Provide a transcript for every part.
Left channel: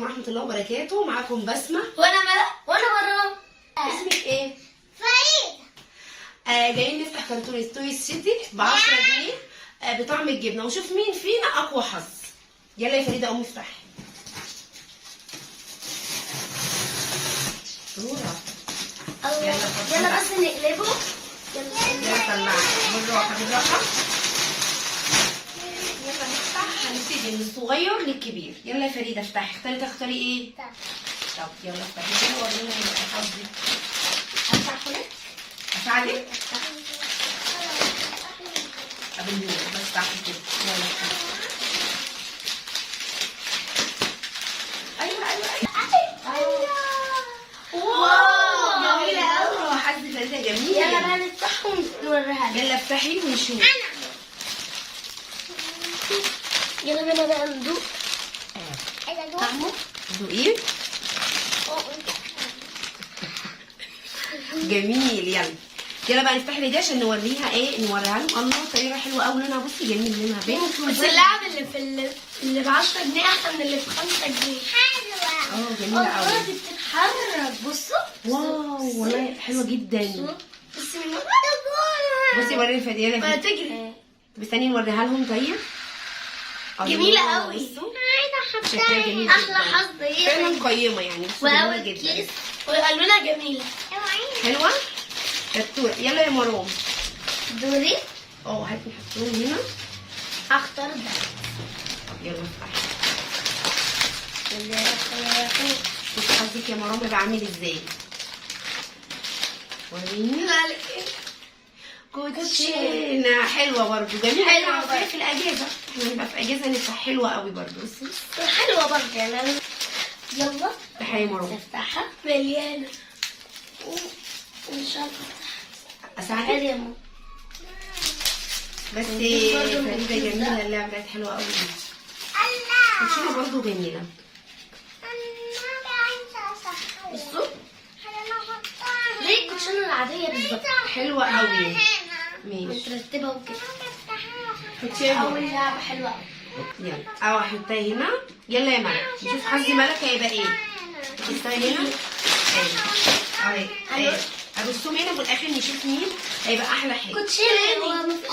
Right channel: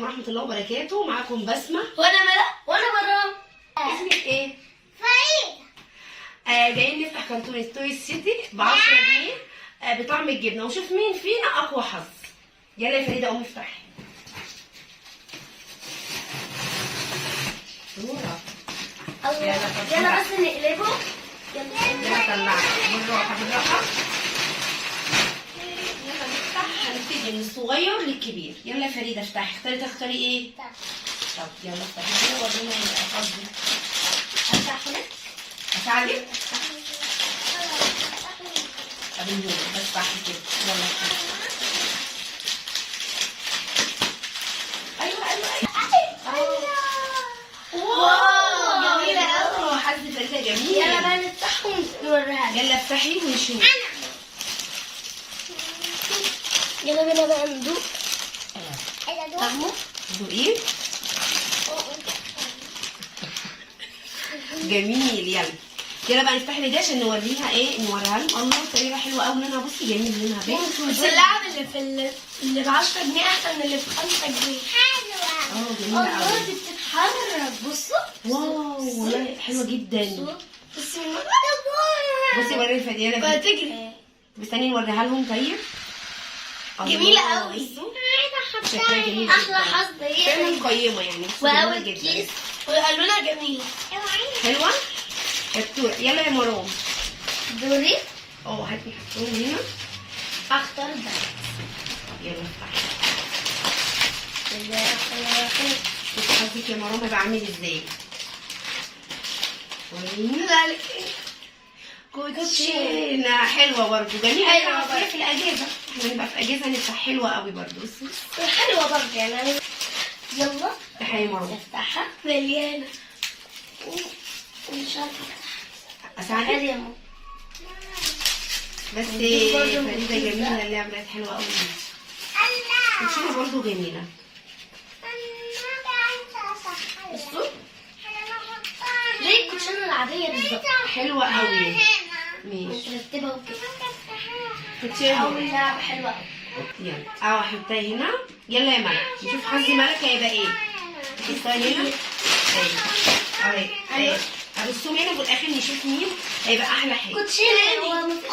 عليكم ورحمه الله وبركاته. معاكم بسمه وانا ملا وانا مرام. اسمك ايه؟ فريدة. جايين نفتح كرتون توي سيتي ب 10 جنيه بطعم الجبنه ونشوف مين فينا اقوى حظ. يلا يا فريده قومي افتحي. صوره يلا بس نقلبه. يلا طلعي بالراحه بالراحه. يلا نفتح. هنبتدي من الصغير للكبير. يلا يا فريده افتحي. تختاري ايه؟ طب يلا افتحي كده ورينا حظك. افتح كده. اساعدك؟ طب النور بس افتحي كده. يلا ايوه. واو جميله قوي. حظ فريده جميل. يلا بقى نفتحهم ونوريها. يلا افتحي ونشوف. يلا بينا بقى ندوق. طعمه دوقيه. جميل. يلا بقى نفتح لي دي عشان نوريها نوريها لهم. الله طريقه حلوه قوي. لونها بصي جميل. لونها بيض. بس اللعب اللي ب 10 جنيه احسن من اللي ب 5 جنيه. حلوه. جميله قوي. دي بتتحرك. بصوا. واو والله حلوه جدا. بصي وري الفديانه بقى دي. تجري. طب استني نوريها لهم. طيب جميله الله، قوي. بصوا شكلها جميل جدا. احلى حظ فعلا هي. قيمه يعني. جميله واول جدا. كيس والوانها جميله. حلوه شطوره. يلا يا مرام. دوري. هاتي حطوهم هنا. اختار ده. يلا شوفي حظك يا مرام هيبقى عامل ازاي. وريني. كوتشينه حلوه برضه. جميله. حلوة برضه في الاجازه. احنا نبقى في اجازه نفتح. حلوه قوي برضه. بصي حلوه برضه يعني. يلا افتحي يا مرام. نفتحها. مليانه. مش عارفه اساعدك؟ يا ماما. بس ودي برضه فريده مفيدة. جميله. اللعبه دي حلوه قوي. كوتشينه برضه جميله. بصوا زي الكوتشينه العاديه بالظبط. حلوه قوي. ماشي. مترتبه وكده. كوتشينه. اول لعبه حلوه قوي. يلا احطها هنا. يلا يا ملك نشوف حظ ملك هيبقى ايه. تحطها هنا. اهي ابصهم هنا في الاخر نشوف مين هيبقى احلى حاجه. كوتشينه. هو مفيش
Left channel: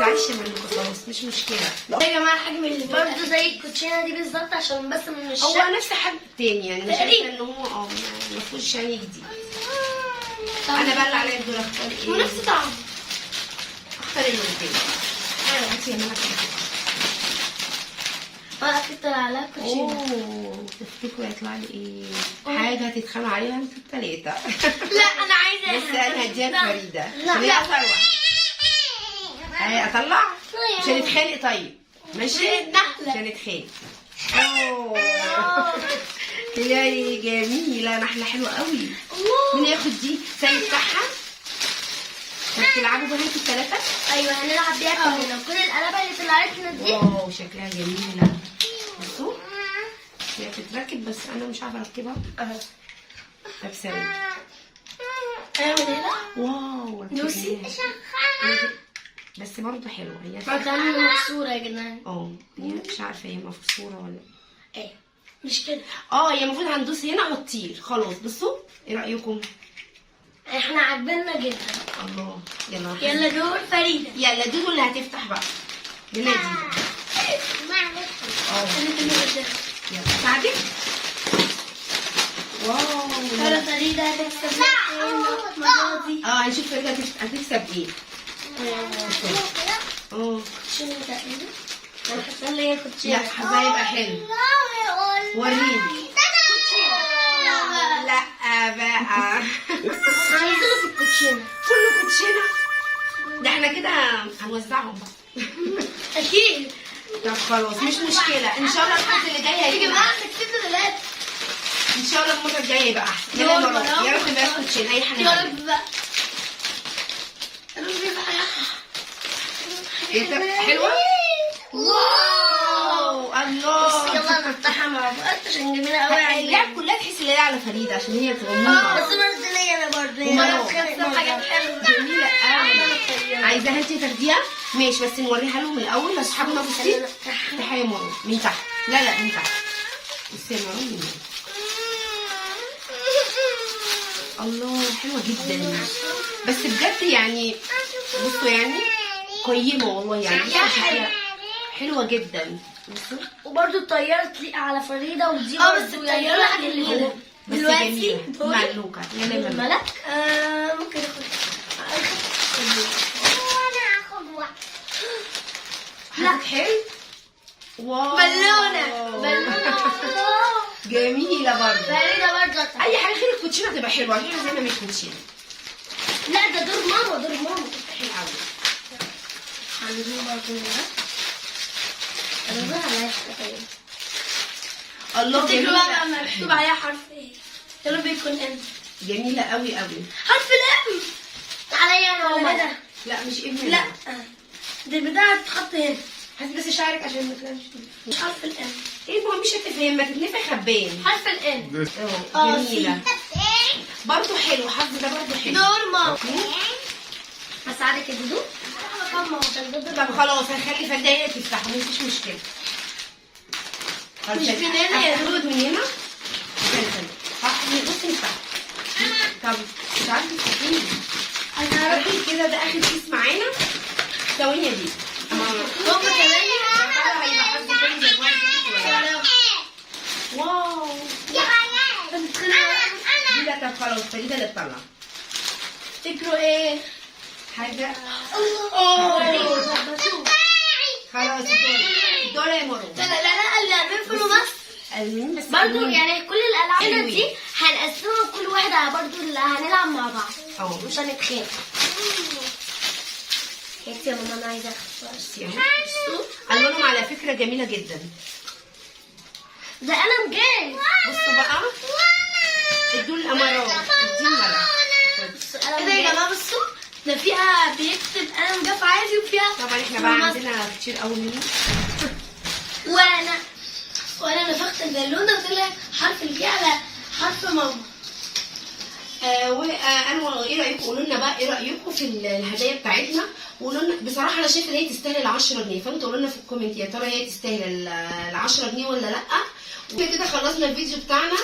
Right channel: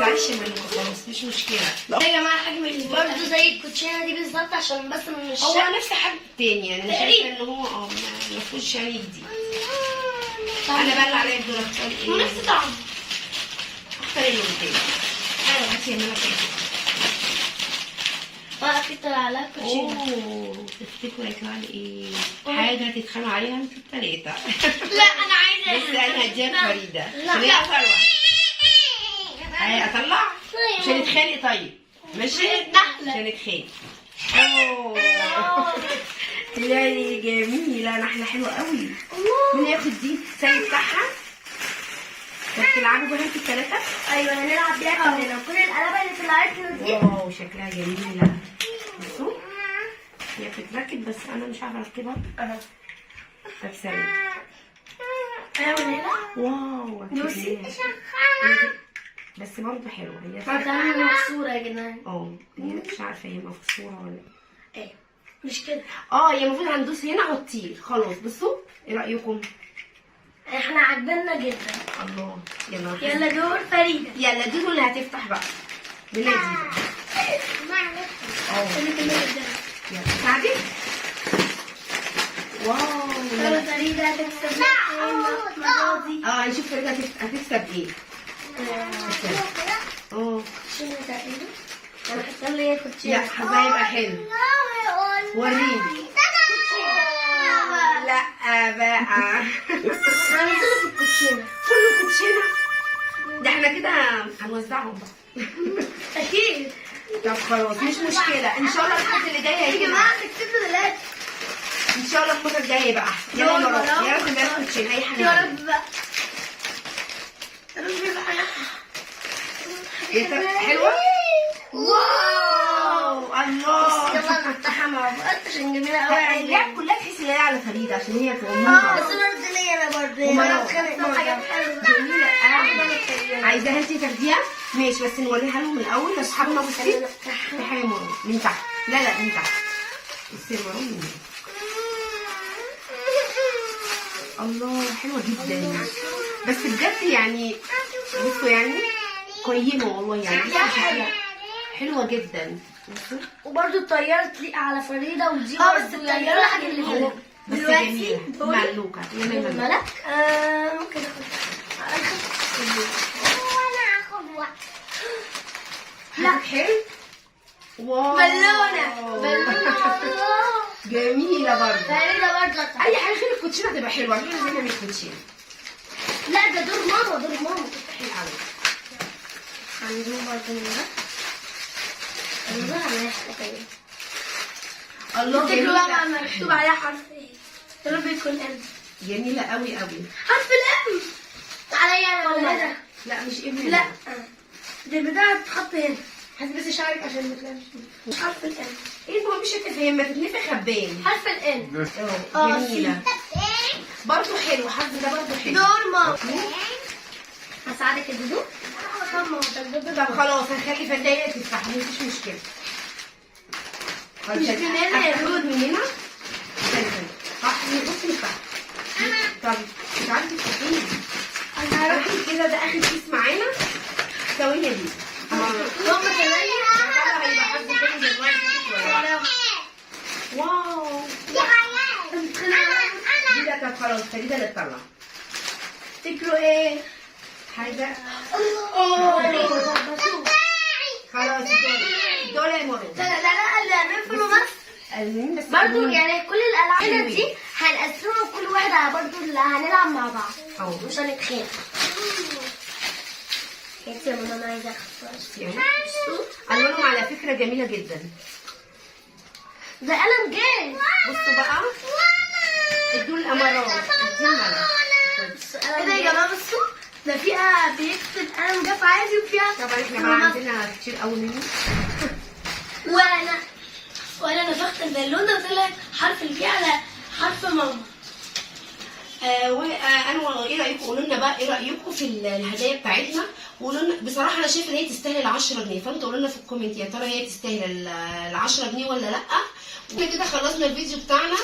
معلش يا ملك خلاص مش مشكله. يا جماعه حجم اللي برضه زي الكوتشينه دي بالظبط عشان بس مش هو نفس حجم التاني يعني. انا شايفه ان هو ما فيهوش يعني جديد. انا بقى اللي عليا الدور اختار ايه. ونفس طعمه. اختار اللي قدامي. ايوه هاتي يا ملك. بقى كتر عليها كوتشينه. تفتكروا هيطلع لي ايه؟ حاجه تتخانقوا عليها انتوا التلاته. لا انا عايزه. بس انا هديها لفريده عشان هي لا. اطلع. اطلع عشان نتخانق. طيب ماشي عشان نتخانق. لا جميله. نحله حلوه قوي. مين ياخد دي؟ سامي بتاعها. بتلعبوا بيها انتوا الثلاثه؟ ايوه هنلعب بيها كلنا. كل القلبه اللي طلعت لنا دي. واو شكلها جميله. بصوا هي بتتركب بس انا مش عارفه اركبها. طب ثانيه. واو نوسي. بس برضه حلوه هي. برضه مكسوره يا جدعان. هي مش عارفه هي مكسوره ولا ايه مش كده. هي المفروض هندوس هنا وتطير. خلاص بصوا ايه رايكم؟ احنا عاجبنا جدا. الله. يلا دور فريده. يلا دودو اللي هتفتح بقى. بنادي يلا ساعدك. واو. يلا فريده هتكسب. هنشوف فريده هتكسب ايه. كوتشينه تقريبا. انا حاسه ان هي كوتشينه. لا حظها هيبقى حلو. وريني. لا بقى. انا نزلت في الكوتشينه. كله كوتشينه. ده احنا كده هنوزعهم بقى. اكيد. طب خلاص مش مشكله. ان شاء الله الحد اللي جاي يا هيجي جماعه كسبت ثلاثه. ان شاء الله المره الجايه يبقى احسن. يلا يا رب يا رب ما كوتشينه اي حاجه. يا رب بقى. حلوه. واو الله يلا نفتحها مع بعض عشان جميلة قوي. اللعب كلها تحس ان هي على فريده عشان هي غموضه. بس برضه ليا انا برضه جميله. عايزاها انتي تاخديها؟ ماشي، بس نوريها لهم الاول. بس حابه بصي في حاجه من تحت. لا من تحت. بصي من تحت. الله حلوه جدا. بس بجد يعني بصوا يعني قيمه والله يعني حلوه جدا. بصوا وبرضه الطيارة تليق على فريدة ودي بس الطياره حاجه اللي بس جميله ملوكه. يلا يا ملك. ممكن اخد واحد. لا حلو. واو بالونة جميله برضه. فريدة برضه. اي حاجه غير الكوتشينه تبقى حلوه. احنا عايزينها مش كوتشينه. لا ده دور ماما حلو قوي. عندنا برضه الله جميلة. مكتوب عليها حرف ايه؟ يا رب يكون ام. جميله قوي قوي. حرف الام. عليا انا ولا ده؟ لا مش ابن. لا دي البتاعة بتتحط هنا. هات بس شعرك عشان ما تلاقيش. مش حرف الام. ايه ما هو مش هتفهم، ما تتنفخ خبان. حرف الام. جميله برضه حلو. حرف ده برضه حلو. دور ماما. هساعدك يا دودو. طب خلاص هنخلي فدايه تفتح مفيش مشكله. مش من هنا يا دود من هنا. بصي نفتح. طب مش عارفه تفتحيه. انا هروح كده ده اخر كيس معانا. ثواني دي ماما كمان. واو دي ده. طب خلاص فريده اللي تطلع. تفتكروا ايه؟ حاجه. الله خلاص دول يا مرو. لا اللي بيقفلوا بس بس برضه يعني كل الالعاب دي هنقسمها كل واحد على برضه اللي هنلعب مع بعض مش هنتخانق. يا ماما انا عايزه اخد الوانهم على فكره جميله جدا. ده قلم جاي. بصوا بقى دول الامارات. دي الملك. كده يا جماعه بصوا ده فيها بيكتب قلم جاف عادي وفيها طبعا احنا بقى عندنا كتير قوي منه. وانا نفخت البالونه وطلع حرف الجي على حرف ماما. انا ايه رايكم؟ قولوا لنا بقى ايه رايكم في الهدايا بتاعتنا. وقولوا لنا بصراحه انا شايفه ان هي تستاهل 10 جنيه. فانتوا قولوا لنا في الكومنت يا ترى هي تستاهل ال 10 جنيه ولا لا. وكده خلصنا الفيديو بتاعنا.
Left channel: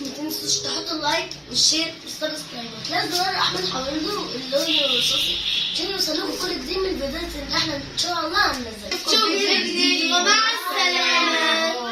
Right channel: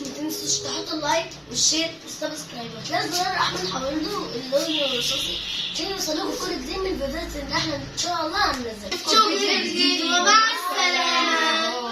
ما تنسوش تحطوا اللايك والشير والسبسكرايب وتلاقوا زرار احمر حواليه اللون الرصاصي عشان يوصلكم كل جديد من الفيديوهات اللي احنا ان شاء الله هننزلها. شكرا جدا ومع السلامه.